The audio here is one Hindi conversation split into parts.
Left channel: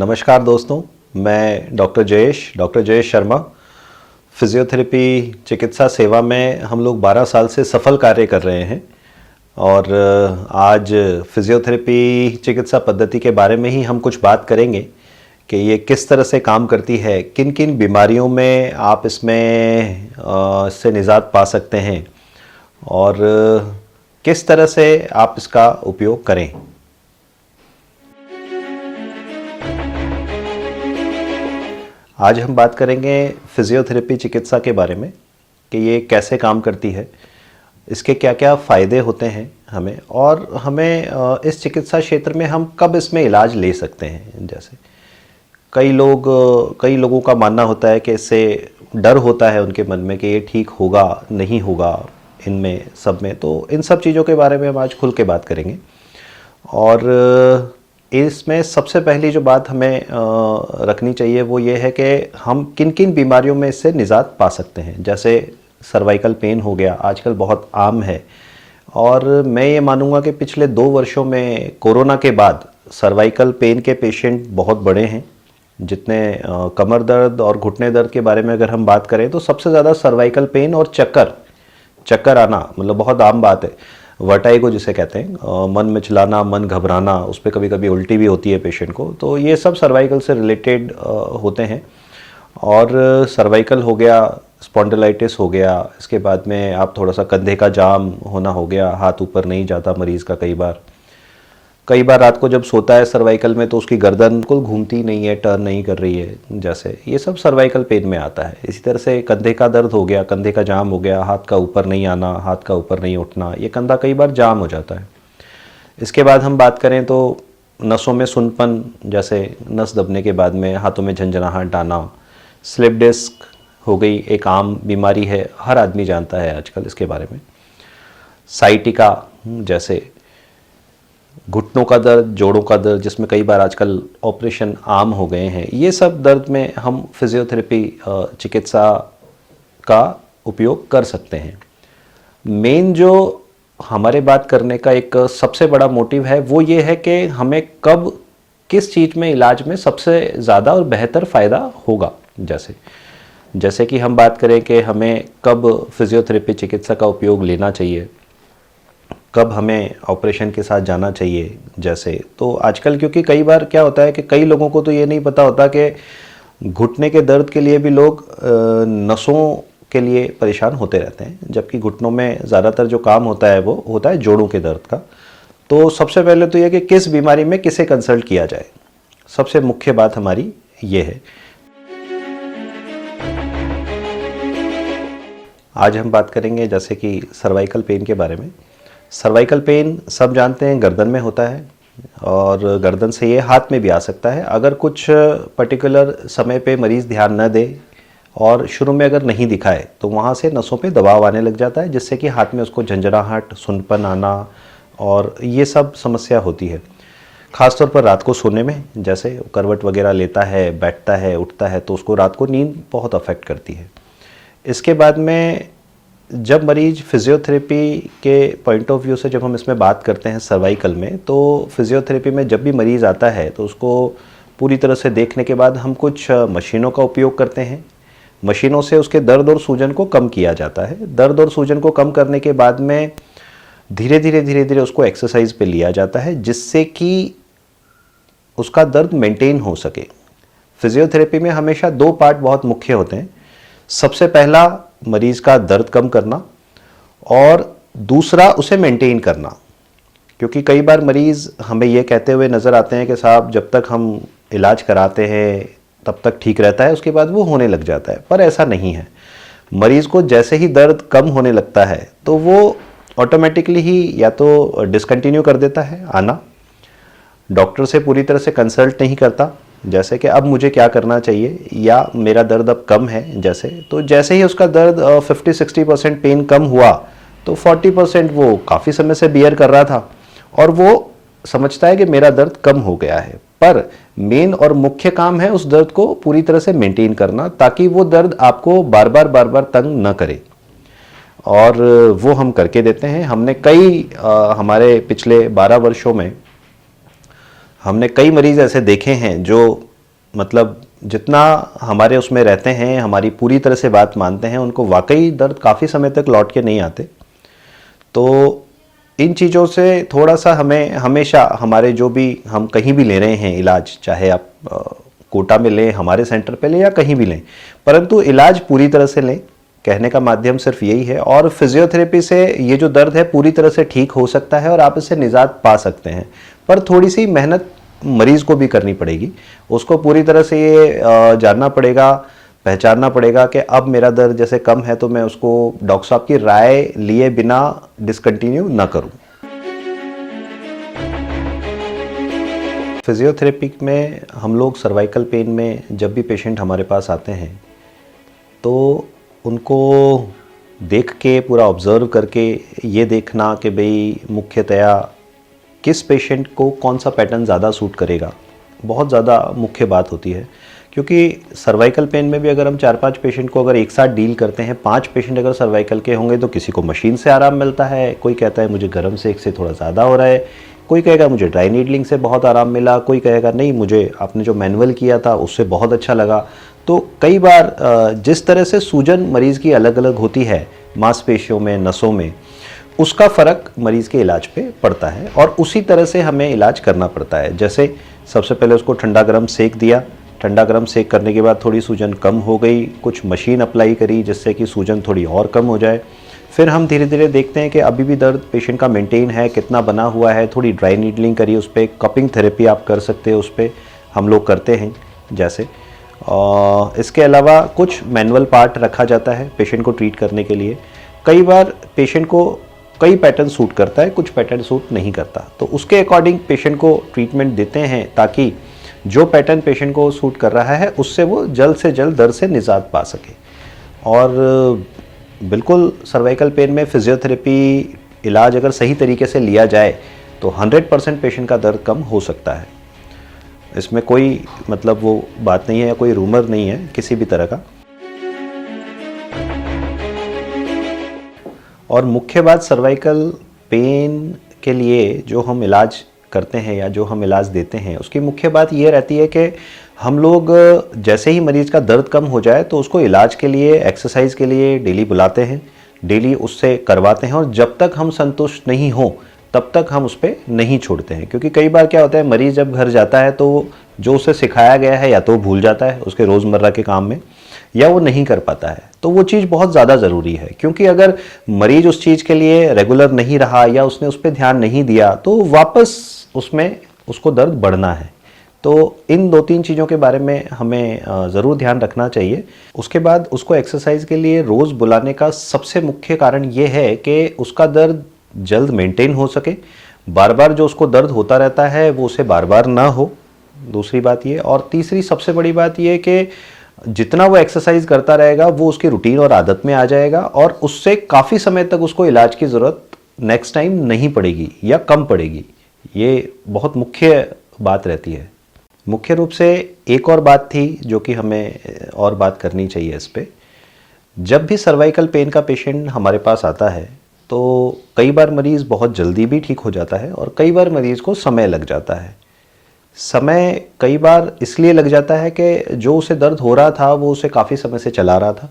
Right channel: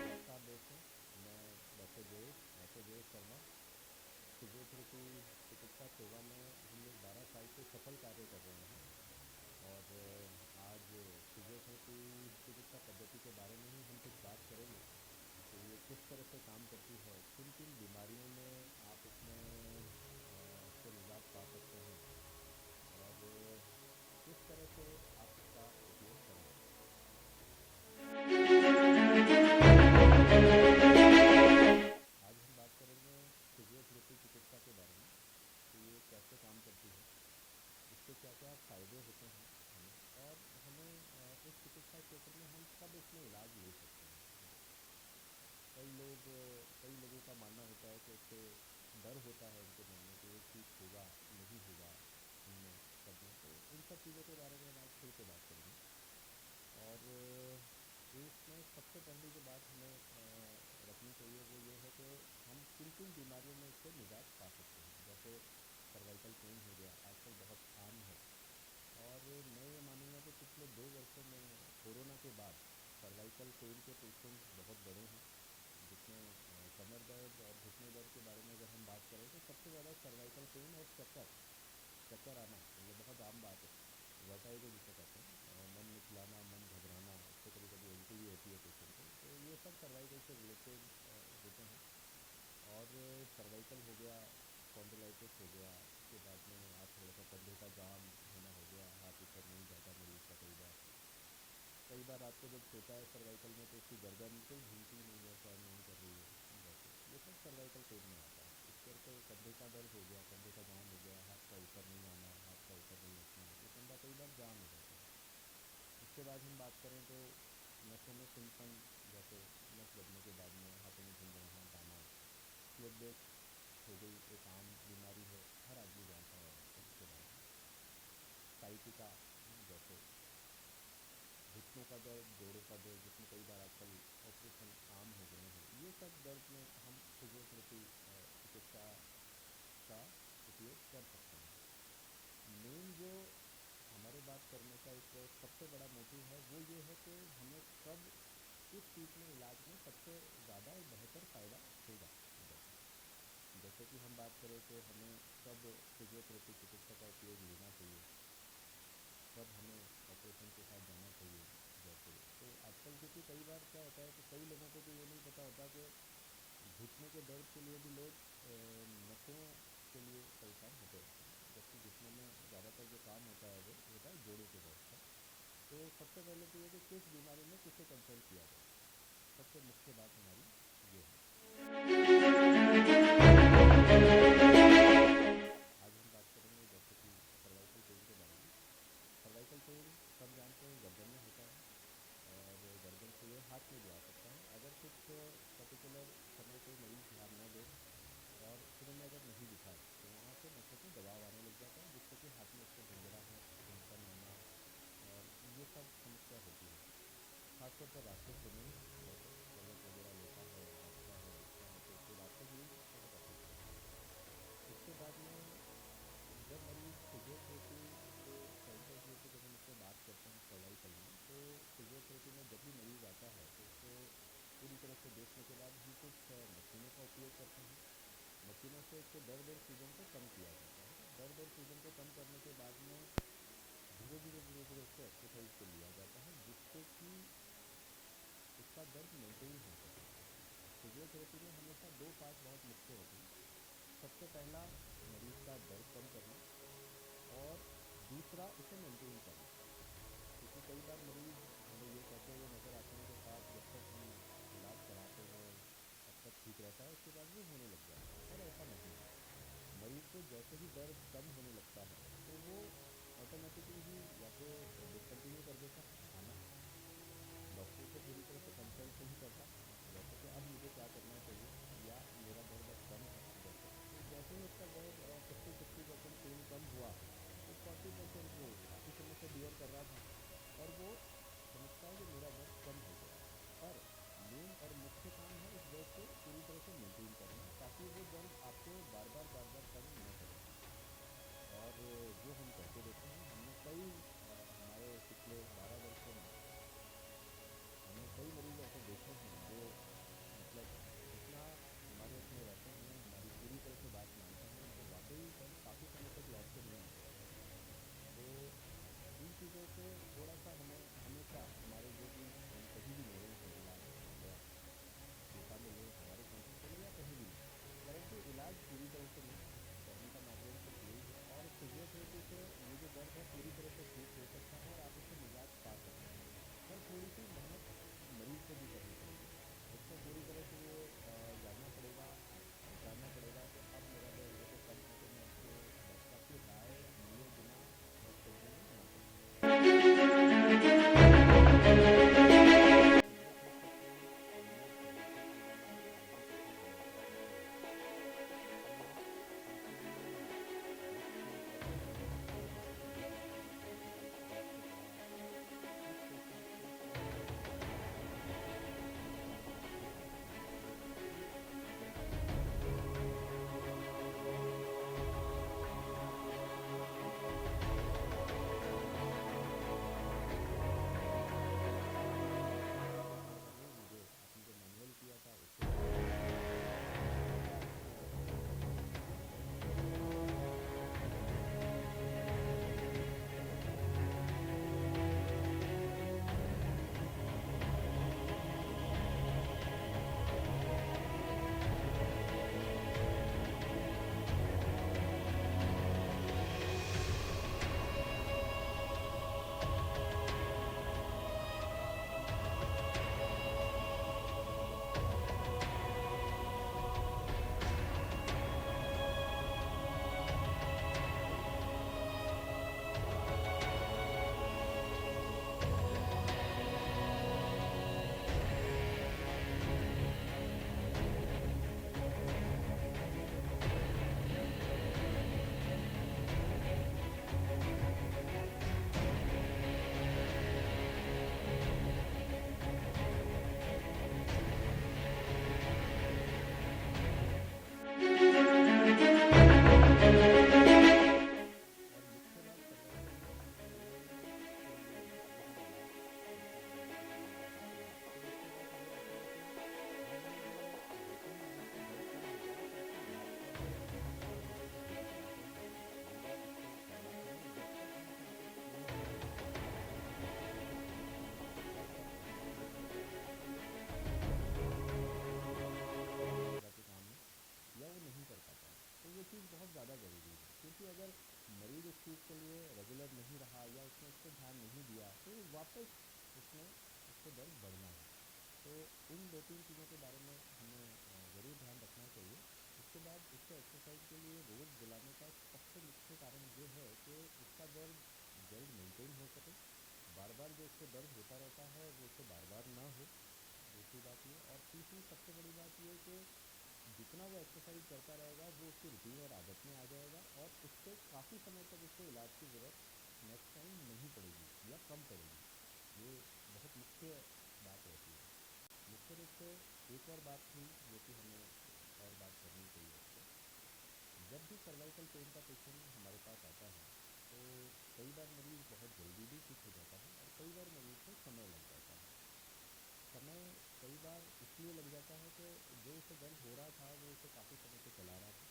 नमस्कार दोस्तों, मैं डॉक्टर जयेश शर्मा। फिजियोथेरेपी चिकित्सा सेवा में हम लोग 12 साल से सफल कार्य कर रहे हैं और आज फिजियोथेरेपी चिकित्सा पद्धति के बारे में ही हम कुछ बात करेंगे कि ये किस तरह से काम करती है, किन किन बीमारियों में आप इससे निजात पा सकते हैं और किस तरह से आप इसका उपयोग करें। आज हम बात करेंगे फिजियोथेरेपी चिकित्सा के बारे में कि ये कैसे काम करती है, इसके क्या क्या फ़ायदे होते हैं हमें, और हमें इस चिकित्सा क्षेत्र में हम कब इसमें इलाज ले सकते हैं। जैसे कई लोगों का मानना होता है कि इससे डर होता है उनके मन में कि ये ठीक होगा नहीं होगा, इनमें सब में। तो इन सब चीज़ों के बारे में हम आज खुल के बात करेंगे। और इसमें सबसे पहली जो बात हमें रखनी चाहिए वो ये है कि हम किन किन बीमारियों में इससे निजात पा सकते हैं। जैसे सर्वाइकल पेन हो गया, आजकल बहुत आम है, और मैं ये मानूंगा कि पिछले 2 वर्षों में कोरोना के बाद सर्वाइकल पेन के पेशेंट बहुत बढ़े हैं। जितने कमर दर्द और घुटने दर्द के बारे में अगर हम बात करें तो सबसे ज़्यादा सर्वाइकल पेन और चक्कर आना मतलब बहुत आम बात है। वर्टाइगो जिसे कहते हैं, मन मिचलाना, मन घबराना, उस पर कभी कभी उल्टी भी होती है पेशेंट को, तो ये सब सर्वाइकल से रिलेटेड होते हैं। और सर्वाइकल हो गया, स्पॉन्डिलाइटिस हो गया, इसके बाद में आप थोड़ा सा कंधे का जाम होना हो गया, हाथ ऊपर नहीं जाता मरीज़ का। कई बार रात को जब सोता है सर्वाइकल में तो उसकी गर्दन बिल्कुल घूमती नहीं है, टर्न नहीं कर रही है, जैसे ये सब सर्वाइकल पेन में आता है। इसी तरह से कंधे का दर्द हो गया, कंधे का जाम हो गया, हाथ का ऊपर नहीं आना, हाथ का ऊपर नहीं उठना, ये कंधा कई बार जाम हो जाता है। इसके बाद हम बात करें तो नसों में सुन्नपन, जैसे नस दबने के बाद में हाथों में झंझनाहट आना, स्लिप डिस्क हो गई, एक आम बीमारी है, हर आदमी जानता है आजकल इसके बारे में। साइटिका, जैसे घुटनों का दर्द, जोड़ों का दर्द, जिसमें कई बार आजकल ऑपरेशन आम हो गए हैं, ये सब दर्द में हम फिजियोथेरेपी चिकित्सा का उपयोग कर सकते हैं। मेन जो हमारे बात करने का एक सबसे बड़ा मोटिव है वो ये है कि हमें कब किस चीज़ में इलाज में सबसे ज़्यादा और बेहतर फ़ायदा होगा। जैसे कि हम बात करें कि हमें कब फिजियोथेरेपी चिकित्सा का उपयोग लेना चाहिए, कब हमें ऑपरेशन के साथ जाना चाहिए। जैसे तो आजकल क्योंकि कई बार क्या होता है कि कई लोगों को तो ये नहीं पता होता कि घुटने के दर्द के लिए भी लोग नसों के लिए परेशान होते रहते हैं, जबकि घुटनों में ज़्यादातर जो काम होता है वो होता है जोड़ों के दर्द का। तो सबसे पहले तो ये कि किस बीमारी में किसे कंसल्ट किया जाए, सबसे मुख्य बात हमारी ये है। आज हम बात करेंगे जैसे कि सर्वाइकल पेन के बारे में। सर्वाइकल पेन सब जानते हैं गर्दन में होता है, और गर्दन से ये हाथ में भी आ सकता है अगर कुछ पर्टिकुलर समय पे मरीज़ ध्यान न दे और शुरू में अगर नहीं दिखाए तो वहाँ से नसों पे दबाव आने लग जाता है, जिससे कि हाथ में उसको झंझनाहट, सुन्नपन आना और ये सब समस्या होती है। ख़ासतौर पर रात को सोने में, जैसे करवट वगैरह लेता है, बैठता है, उठता है, तो उसको रात को नींद बहुत अफेक्ट करती है। इसके बाद में जब मरीज फिजियोथेरेपी के पॉइंट ऑफ व्यू से जब हम इसमें बात करते हैं सर्वाइकल में, तो फिजियोथेरेपी में जब भी मरीज़ आता है तो उसको पूरी तरह से देखने के बाद हम कुछ मशीनों का उपयोग करते हैं। मशीनों से उसके दर्द और सूजन को कम किया जाता है। दर्द और सूजन को कम करने के बाद में धीरे धीरे उसको एक्सरसाइज पे लिया जाता है, जिससे कि उसका दर्द मेंटेन हो सके। फिजियोथेरेपी में हमेशा 2 पार्ट बहुत मुख्य होते हैं। सबसे पहला मरीज़ का दर्द कम करना, और दूसरा उसे मेंटेन करना। क्योंकि कई बार मरीज़ हमें ये कहते हुए नज़र आते हैं कि साहब जब तक हम इलाज कराते हैं तब तक ठीक रहता है, उसके बाद वो होने लग जाता है, पर ऐसा नहीं है। मरीज़ को जैसे ही दर्द कम होने लगता है तो वो ऑटोमेटिकली ही या तो डिसकंटिन्यू कर देता है आना, डॉक्टर से पूरी तरह से कंसल्ट नहीं करता, जैसे कि अब मुझे क्या करना चाहिए या मेरा दर्द अब कम है। जैसे ही उसका दर्द 50-60% पेन कम हुआ तो 40% वो काफ़ी समय से बियर कर रहा था और वो समझता है कि मेरा दर्द कम हो गया है। पर मेन और मुख्य काम है उस दर्द को पूरी तरह से मेंटेन करना, ताकि वो दर्द आपको बार बार तंग न करे, और वो हम करके देते हैं। हमारे पिछले 12 वर्षों में हमने कई मरीज़ ऐसे देखे हैं जो मतलब जितना हमारे उसमें रहते हैं, हमारी पूरी तरह से बात मानते हैं, उनको वाकई दर्द काफ़ी समय तक लौट के नहीं आते। तो इन चीज़ों से थोड़ा सा हमें हमेशा हमारे जो भी हम कहीं भी ले रहे हैं इलाज, चाहे आप कोटा में लें, हमारे सेंटर पे लें या कहीं भी लें, परंतु इलाज पूरी तरह से लें। कहने का माध्यम सिर्फ यही है। और फिजियोथेरेपी से ये जो दर्द है पूरी तरह से ठीक हो सकता है और आप इससे निजात पा सकते हैं, पर थोड़ी सी मेहनत मरीज़ को भी करनी पड़ेगी। उसको पूरी तरह से ये जानना पड़ेगा, पहचानना पड़ेगा कि अब मेरा दर्द जैसे कम है तो मैं उसको डॉक्टर साहब की राय लिए बिना डिसकंटिन्यू ना करूं। फिजियोथेरेपी में हम लोग सर्वाइकल पेन में जब भी पेशेंट हमारे पास आते हैं तो उनको देख के, पूरा ऑब्ज़र्व करके ये देखना कि भाई मुख्यतया किस पेशेंट को कौन सा पैटर्न ज़्यादा सूट करेगा, बहुत ज़्यादा मुख्य बात होती है। क्योंकि सर्वाइकल पेन में भी अगर हम 4-5 पेशेंट को अगर एक साथ डील करते हैं, 5 पेशेंट अगर सर्वाइकल के होंगे तो किसी को मशीन से आराम मिलता है, कोई कहता है मुझे गर्म सेक से थोड़ा ज़्यादा हो रहा है, कोई कहेगा मुझे ड्राई नीडलिंग से बहुत आराम मिला, कोई कहेगा नहीं मुझे आपने जो मैनुअल किया था उससे बहुत अच्छा लगा। तो कई बार जिस तरह से सूजन मरीज़ की अलग अलग होती है मांसपेशियों में, नसों में, उसका फ़र्क मरीज़ के इलाज पे पड़ता है और उसी तरह से हमें इलाज करना पड़ता है। जैसे सबसे पहले उसको ठंडा गर्म सेक दिया, ठंडा गर्म सेक करने के बाद थोड़ी सूजन कम हो गई, कुछ मशीन अप्लाई करी जिससे कि सूजन थोड़ी और कम हो जाए। फिर हम धीरे धीरे देखते हैं कि अभी भी दर्द पेशेंट का मेंटेन है, कितना बना हुआ है, थोड़ी ड्राई नीडलिंग करी, उस पर कपिंग थेरेपी आप कर सकते हैं, उस पर हम लोग करते हैं जैसे। इसके अलावा कुछ मैनुअल पार्ट रखा जाता है पेशेंट को ट्रीट करने के लिए। कई बार पेशेंट को कई पैटर्न सूट करता है, कुछ पैटर्न सूट नहीं करता, तो उसके अकॉर्डिंग पेशेंट को ट्रीटमेंट देते हैं ताकि जो पैटर्न पेशेंट को सूट कर रहा है उससे वो जल्द से जल्द दर्द से निजात पा सके। और बिल्कुल सर्वाइकल पेन में फिजियोथेरेपी इलाज अगर सही तरीके से लिया जाए तो 100% पेशेंट का दर्द कम हो सकता है। इसमें कोई मतलब वो बात नहीं है या कोई रूमर नहीं है किसी भी तरह का। और मुख्य बात सर्वाइकल पेन के लिए जो हम इलाज करते हैं या जो हम इलाज देते हैं उसकी मुख्य बात ये रहती है कि हम लोग जैसे ही मरीज़ का दर्द कम हो जाए तो उसको इलाज के लिए, एक्सरसाइज के लिए डेली बुलाते हैं, डेली उससे करवाते हैं और जब तक हम संतुष्ट नहीं हों तब तक हम उस पर नहीं छोड़ते हैं। क्योंकि कई बार क्या होता है, मरीज़ जब घर जाता है तो जो उसे सिखाया गया है या तो भूल जाता है उसके रोज़मर्रा के काम में, या वो नहीं कर पाता है। तो वो चीज़ बहुत ज़्यादा ज़रूरी है, क्योंकि अगर मरीज़ उस चीज़ के लिए रेगुलर नहीं रहा या उसने उस पर ध्यान नहीं दिया तो वापस उसमें उसको दर्द बढ़ना है। तो इन 2-3 चीज़ों के बारे में हमें ज़रूर ध्यान रखना चाहिए। उसके बाद उसको एक्सरसाइज के लिए रोज़ बुलाने का सबसे मुख्य कारण ये है कि उसका दर्द जल्द मेंटेन हो सके, बार बार जो उसको दर्द होता रहता है वो उसे बार बार ना हो, दूसरी बात ये। और तीसरी सबसे बड़ी बात ये कि जितना वो एक्सरसाइज करता रहेगा वो उसकी रूटीन और आदत में आ जाएगा और उससे काफ़ी समय तक उसको इलाज की ज़रूरत नेक्स्ट टाइम नहीं पड़ेगी या कम पड़ेगी। ये बहुत मुख्य बात रहती है। मुख्य रूप से एक और बात थी जो कि हमें और बात करनी चाहिए इस पे। जब भी सर्वाइकल पेन का पेशेंट हमारे पास आता है तो कई बार मरीज़ बहुत जल्दी भी ठीक हो जाता है और कई बार मरीज़ को समय लग जाता है। समय कई बार इसलिए लग जाता है कि जो उसे दर्द हो रहा था वो उसे काफ़ी समय से चला रहा था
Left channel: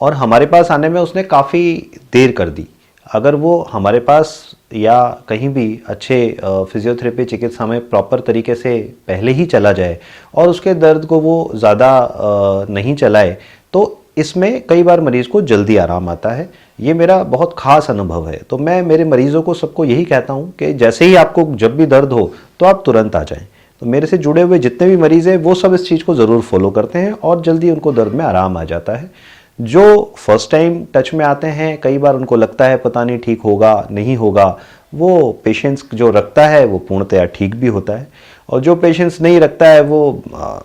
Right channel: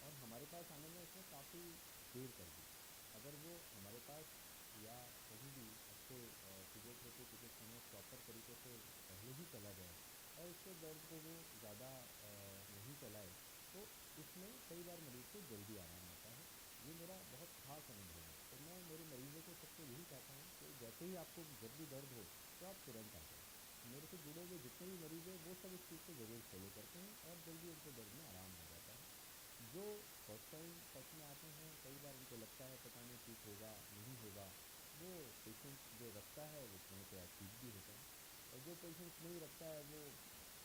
और हमारे पास आने में उसने काफ़ी देर कर दी। अगर वो हमारे पास या कहीं भी अच्छे फिजियोथेरेपी चिकित्सा में प्रॉपर तरीके से पहले ही चला जाए और उसके दर्द को वो ज़्यादा नहीं चलाए तो इसमें कई बार मरीज़ को जल्दी आराम आता है। ये मेरा बहुत ख़ास अनुभव है। तो मैं मेरे मरीज़ों को सबको यही कहता हूँ कि जैसे ही आपको जब भी दर्द हो तो आप तुरंत आ जाएं। तो मेरे से जुड़े हुए जितने भी मरीज़ हैं वो सब इस चीज़ को ज़रूर फॉलो करते हैं और जल्दी उनको दर्द में आराम आ जाता है। जो फर्स्ट टाइम टच में आते हैं कई बार उनको लगता है पता नहीं ठीक होगा नहीं होगा, वो पेशेंस जो रखता है वो पूर्णतया ठीक भी होता है और जो पेशेंस नहीं रखता है वो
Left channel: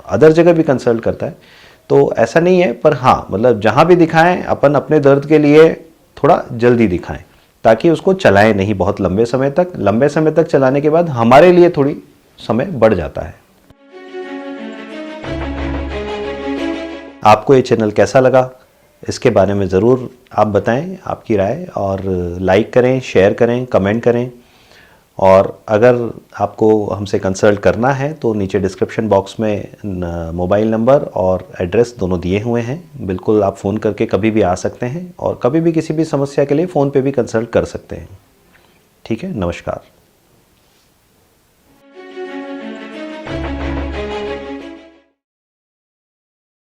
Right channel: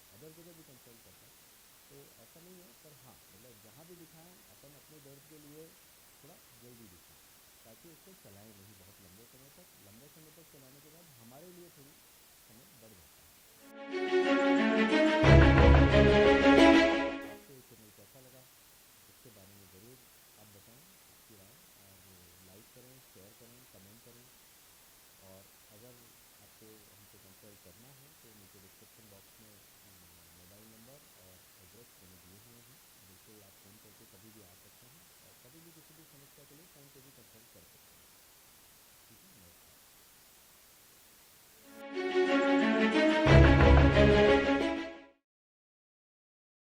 अदर जगह भी कंसल्ट करता है। तो ऐसा नहीं है, पर हाँ मतलब जहाँ भी दिखाएं अपन अपने दर्द के लिए थोड़ा जल्दी दिखाएं ताकि उसको चलाएं नहीं बहुत लंबे समय तक। लंबे समय तक चलाने के बाद हमारे लिए थोड़ी समय बढ़ जाता है। आपको ये चैनल कैसा लगा इसके बारे में ज़रूर आप बताएं आपकी राय, और लाइक करें, शेयर करें, कमेंट करें और अगर आपको हमसे कंसल्ट करना है तो नीचे डिस्क्रिप्शन बॉक्स में मोबाइल नंबर और एड्रेस दोनों दिए हुए हैं। बिल्कुल आप फ़ोन करके कभी भी आ सकते हैं और कभी भी किसी भी समस्या के लिए फ़ोन पे भी कंसल्ट कर सकते हैं। ठीक है, नमस्कार।